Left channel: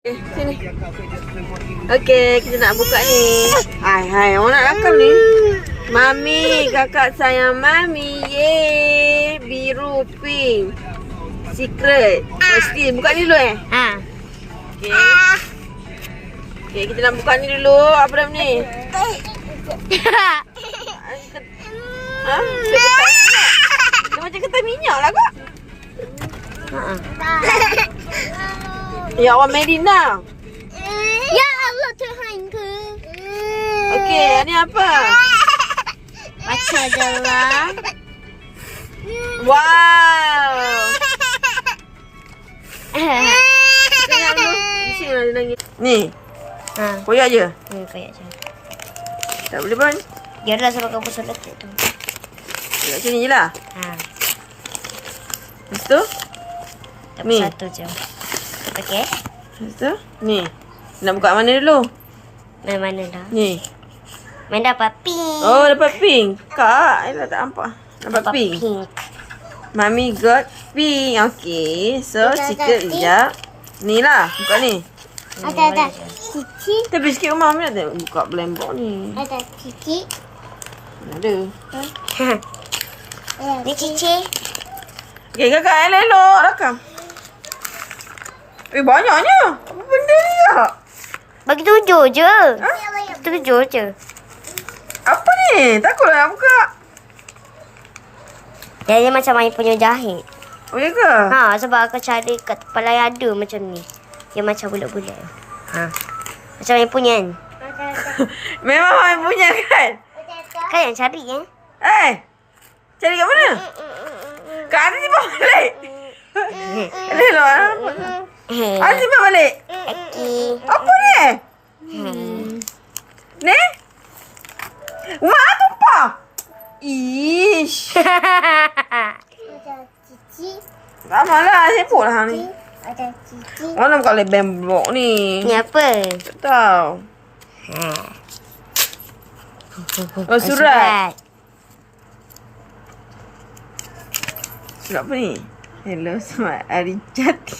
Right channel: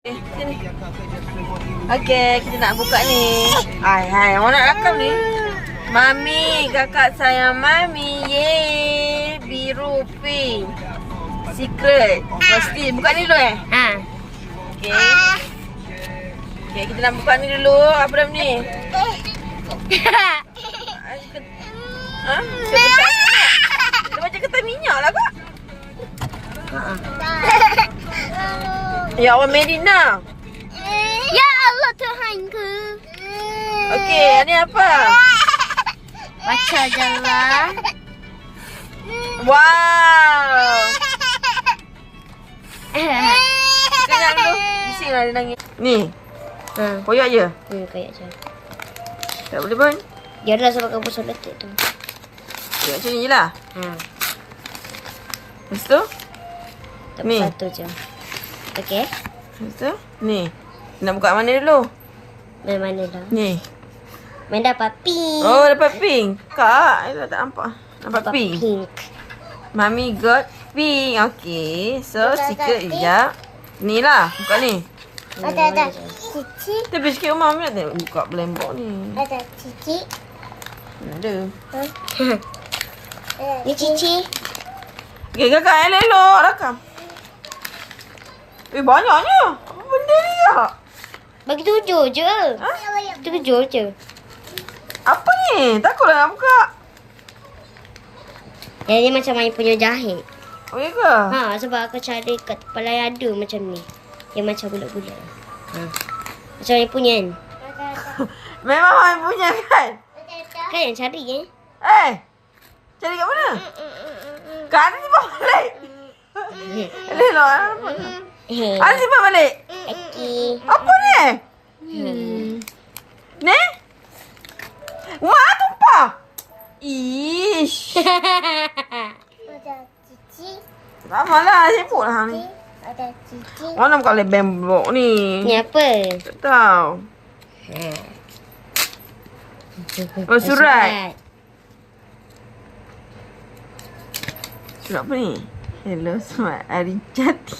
Okay, sini. Okey, kita nak buka ni. Hai, orang nak rakam ni. Mami, kakak sayang Mami. Yeay, biru pink. Secret. Mesti buka ni dulu Ha. Okey. Okey, kita nak buka ni dulu. Apa nama ni? Ha? Dia ketan minyak. Dia macam ketan minyak lah kak. Ha. Ya Allah, Medina. Ya Allah Tuhanku. Okey, ni apa? Baca je lah. Wow. Tengok dulu. Di sini lah dia nangis. Ni. Ha. Koyak je. Kayak je. Tak boleh pun. Biarlah sebab kamu solat tu. Koyak macam ni je lah. Ha. Lepas tu. Tak Ni. satu je. Okey. Lepas tu. Ni. Nak buka mana dulu? Mana dah? Ni. Main dapat pink. Oh, dapat pink. Kak, Ella tak nampak. Dapat pink. Mami got pink. Okay. So, secret sekejap. Ni lah. Buka ni. Ada. Cici. Tapi sikit rumah Mami nak buka blembok ni. Ada cici. Ada. Ni cici. Okay, kakak. Elok-elok. Rakam. Banyaknya. Apa benda ni kak? Bagi 7 je. 7 je. Apa ni? Takutlah nak buka. Dia macam main punya jahit. Oh, ya ke? Ha, sebab aku cari kat kepala yang ada macam ni. Yang macam bulat-bulat. Ha. Macam main punya kan? Memang Mami punya kan? Kan yang cari Cari kat mana? Kat atas simpan balik. Elok lah. Atas simpan balik. Okey. Apa ni? Ni? Wah, tumpah. Ish. Lama lah, nak sibuk lah ni. Mana buka oleh blok ni? Ni apa? Tak tahu. Oh, surat. Surat apa ni? Hello, Smart Arijati.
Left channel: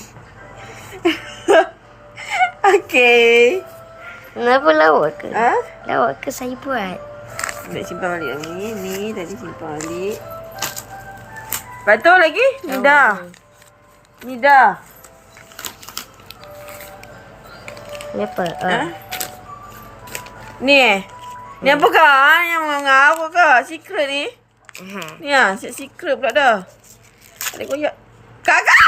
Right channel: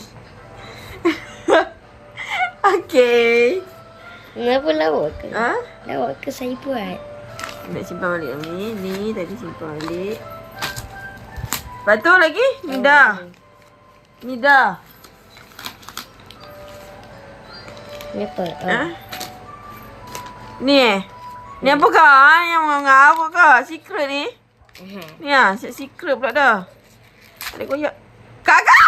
Okay. Kenapa lawak ke? Ha? Lawak ke saya buat? Nak simpan balik ni. Ni tadi simpan balik. Lepas tu lagi? Ni dah. Ni dah. Ni apa? Ha? Ni Ni apa kak? Yang mengapa kak? Secret ni? Ni lah. Secret pula dah. Ada koyak. Kakak!